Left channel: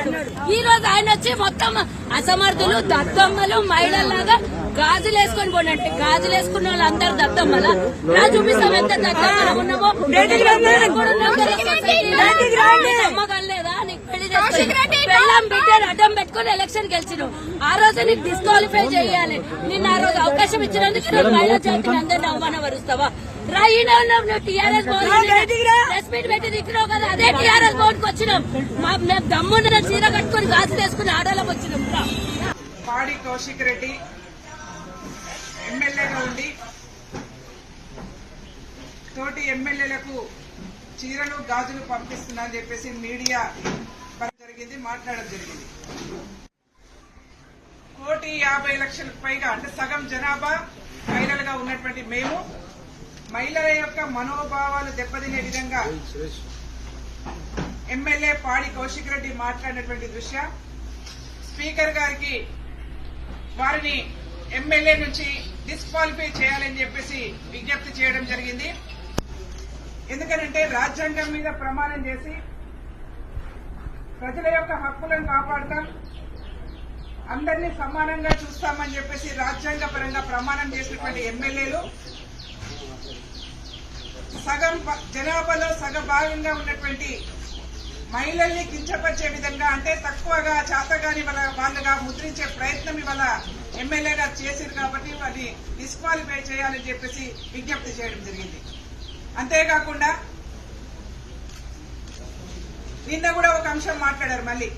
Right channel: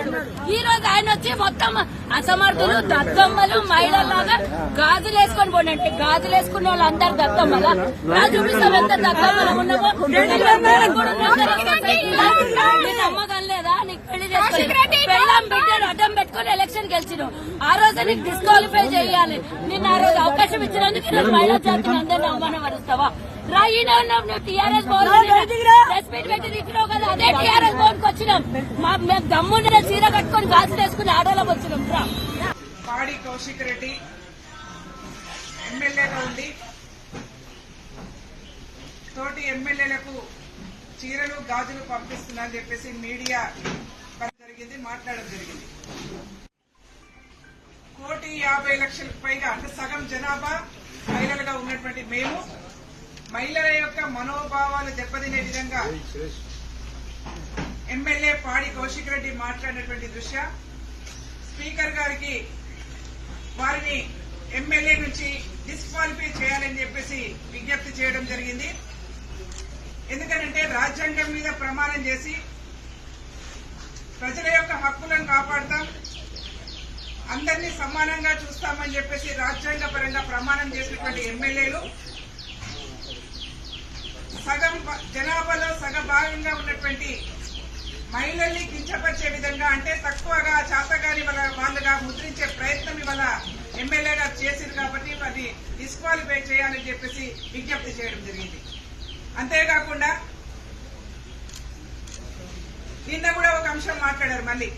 అన్నాడు. ఈ రోజు ఆయన వచ్చి మొత్తం అసమర్థులు దద్దమ్మలు మహిళల్లాగా గాజులు వేసుకొని పోనంటే గాజులు వేసుకునే వాళ్ళు అందరు దద్దమ్మలా చూపిస్తాం ఎంత దద్దమ్మలు ఉన్నామో నమ్మకం లేదా నీకు పెళ్లి చేసుకుని పెళ్ళం బిడ్డను అడ్డం పెట్టుకుని ఎలక్షన్ గెలిచినావు. ఆ రోజు నీకు డిస్క్వాలిఫై చేయాలి. నిన్న ఆ రోజు అవకాశం ఇచ్చినందుకు ఈరోజు మహిళా జాతిని అందరినీ అవమానపరుస్తావా? నువ్వు టీఆర్ఎస్ భవన్ ప్రెస్ మీట్ పెట్టి తిట్టినావు కదా, అదే టీఆర్ఎస్ భవన్ కు వచ్చినాం. మేము దమ్మున్న చీర కట్టుకుని గాజు వేసుకుని ఆడోళ్ళకి వచ్చినాం. పాడి కౌశిక్ రెడ్డి ఎమ్మెల్యేగా ఉండి తోటి ఎమ్మెల్యేలకు చీరలు గాజులు పంపిస్తున్నారని చెప్పేసి మీడియా జరిగింది, మాట్లాడడం జరిగింది. 1,50,00,000 పైగా అంటే సగం జనాభా మహిళలుగా ఉన్నటువంటి మేము మహిళల యొక్క మనోభావాలు దెబ్బతినే విధంగా ఎమ్మెల్యే పాడి కౌశిక్ రెడ్డి మాట్లాడినటువంటి దృష్ట్యా స్పీకర్ గారికి వారిని ఎమ్మెల్యే నుంచి డిస్క్వాలిఫై చేయాలని చెప్పేసి విజ్ఞప్తి చేయడం జరిగింది. ఎందుకంటే రాజ్యాంగం మీద ప్రమాణం చేసి ప్రజల యొక్క హక్కులను కాపాడుతాం, అందరినీ సమానంగా చూస్తామని చెప్పేసి రాజ్యాంగ పరంగా ప్రమాణం చేసినటువంటి ఎమ్మెల్యేలు సగం జనాభాలో సగభాగంగా ఉన్నటువంటి మహిళల్ని కించపరిచే విధంగా అంటే తక్కువగా చాతగాని వాళ్ళగా ముద్రించే ప్రయత్నం ఇవాళ ఎమ్మెల్యేగా చేసింది కాబట్టి అది డిస్క్వాలిఫై చేయాలని చెప్పేసి విజ్ఞప్తి చేయడం జరిగింది. అంతేకాకుండా నిన్న కూడా ఒక అంశం మాట్లాడారు. మళ్లీ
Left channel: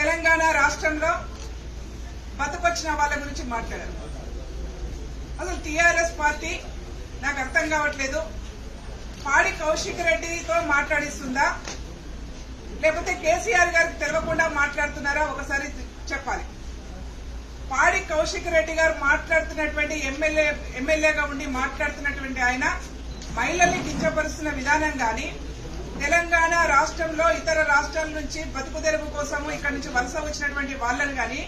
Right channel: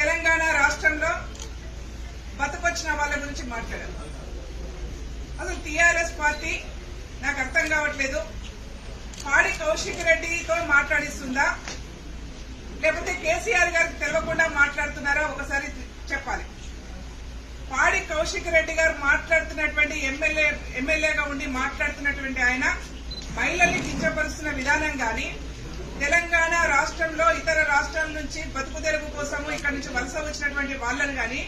తెలంగాణ రాష్ట్రంలో బతుకొచ్చిన వాళ్ళ గురించి మాట్లాడారు. అసలు టీఆర్ఎస్ పార్టీ నాకు అర్థం కావట్లేదు, పాడి కౌశిక్ రెడ్డితో మాట్లాడిస్తుందా లేకపోతే కేసీఆర్ గారికి తెలియకుండా మాట్లాడుతున్నారా ఒకసారి చెప్పాలి. పాడి కౌశిక్ రెడ్డి గారు మాట్లాడుతున్నటువంటి ఎమ్మెల్యేగా ఉండి మాట్లాడుతున్నటువంటి ఆయన మహిళల్ని కించపరుస్తున్న విధానం గాని తెలంగాణ రాష్ట్రంలో ఇతర రాష్ట్రాల నుంచి బతుకు తెరువు కోసము ఇక్కడ నుంచి వలస వచ్చినటువంటి వాళ్ళని గాని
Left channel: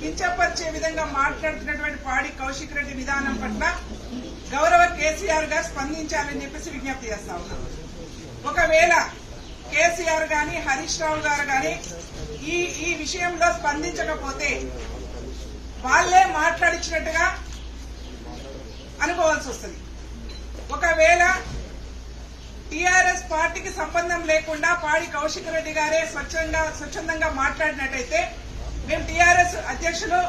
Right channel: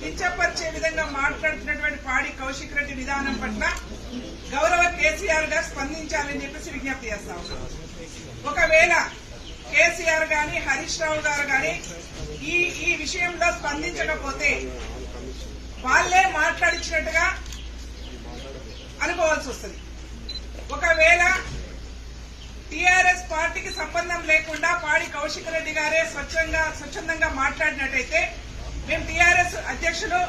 కించపరిచే విధంగా మాట్లాడుతున్నటువంటి పాడి కౌశిక్ రెడ్డి విధానం పట్ల గౌరవ కేసీఆర్ గారు స్పందించాలని చెప్పేసి విజ్ఞప్తి చేస్తా ఉన్నాం. ఒకవేళ కేసీఆర్ గాని హరీష్ రావు గారు గాని ఈ విషయంలో స్పందించకపోతే వాళ్లే మాట్లాడించినట్టుగా అనుకోవాల్సి వస్తుంది. ఒకవేళ టీఆర్ఎస్ పార్టీకి సంబంధం లేకుండా పాడి కౌశిక్ రెడ్డి గారే స్వచ్ఛందంగా మాట్లాడినట్టయితే మేము టీఆర్ఎస్ అధ్యక్షులు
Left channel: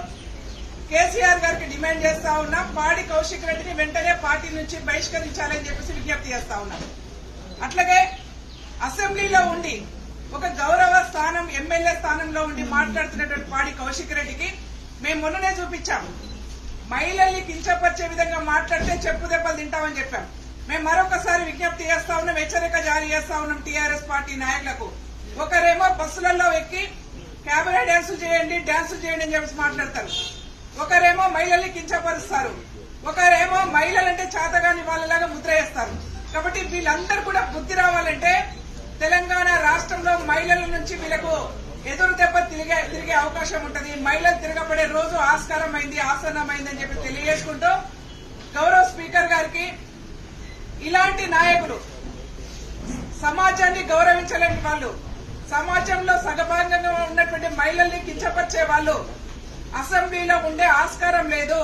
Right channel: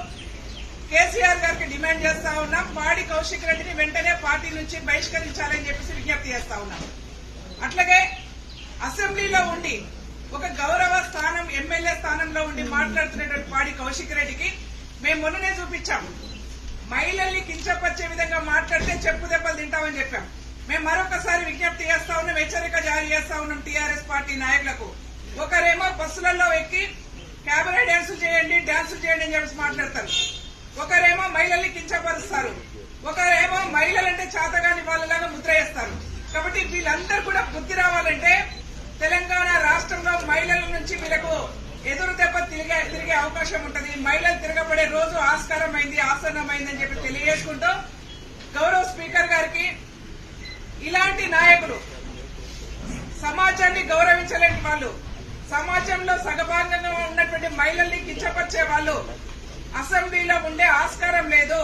కేసీఆర్ గారికి డిమాండ్ చేస్తా ఉన్నాం, పాడి కౌశిక్ రెడ్డిని వెంటనే పార్టీ నుంచి బహిష్కరించాలని చెప్పేసి విజ్ఞప్తి చేస్తా ఉన్నాం. అట్లాగే అసెంబ్లీలో ఉండి ఒక గౌరవ స్థానం ఎమ్మెల్యే స్థానంలో ఉండి మాట్లాడుతున్నటువంటి పాడి కౌశిక్ రెడ్డికి మేము మొన్ననే చూపించాం, మహిళల్ని కించపరిచే విధంగా మాట్లాడితే చెప్పు దెబ్బలు తింటామని చెప్పాం. మేము మరొకసారి విజ్ఞప్తి చేస్తా ఉన్నాం, హెచ్చరిక జారీ చేస్తా ఉన్నాం టీఆర్ఎస్ పార్టీ నాయకులకు. ఒకరేమో బస్సులలో ఎక్కి క్యాబినెట్ డ్యాన్సులు చేయండి అని చెప్పి మాట్లాడతారు, ఒకరేమో మహిళల్ని కించపరుస్తారు, ఒకరేమో మహిళలంటే చేతగాని వాళ్ళలాగా ముద్ర వేస్తారు. కాబట్టి వీళ్ళందరూ కూడా బుద్ధి రావాలంటే తెలంగాణ రాష్ట్రంలో మహిళల నుంచి వీళ్ళకు ఎదురు దెబ్బ తిరిగే అవకాశం ఉంటుంది. మహిళలు తిరగబడే రోజు ఆసన్నమైందని చెప్పి తెలియజేసుకుంటూ గౌరవ స్పీకర్ గారికి ఇలాంటి నాయకులు సమాజాన్ని గౌరవించలేని వాళ్ళు, సమాజంలో సగభాగంగా ఉన్నటువంటి మహిళల్ని కించపరిచే వాళ్ళు అసెంబ్లీలో ఉండే ఆస్కారం లేదు.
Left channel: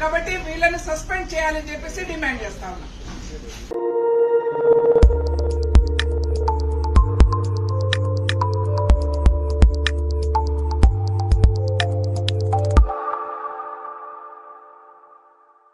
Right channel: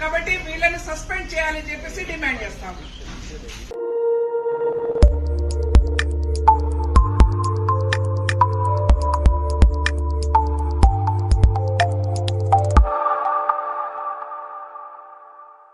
కాబట్టి వీళ్ళని సస్పెండ్ చేయాలని చెప్పేసి డిమాండ్ చేస్తా ఉన్నాం.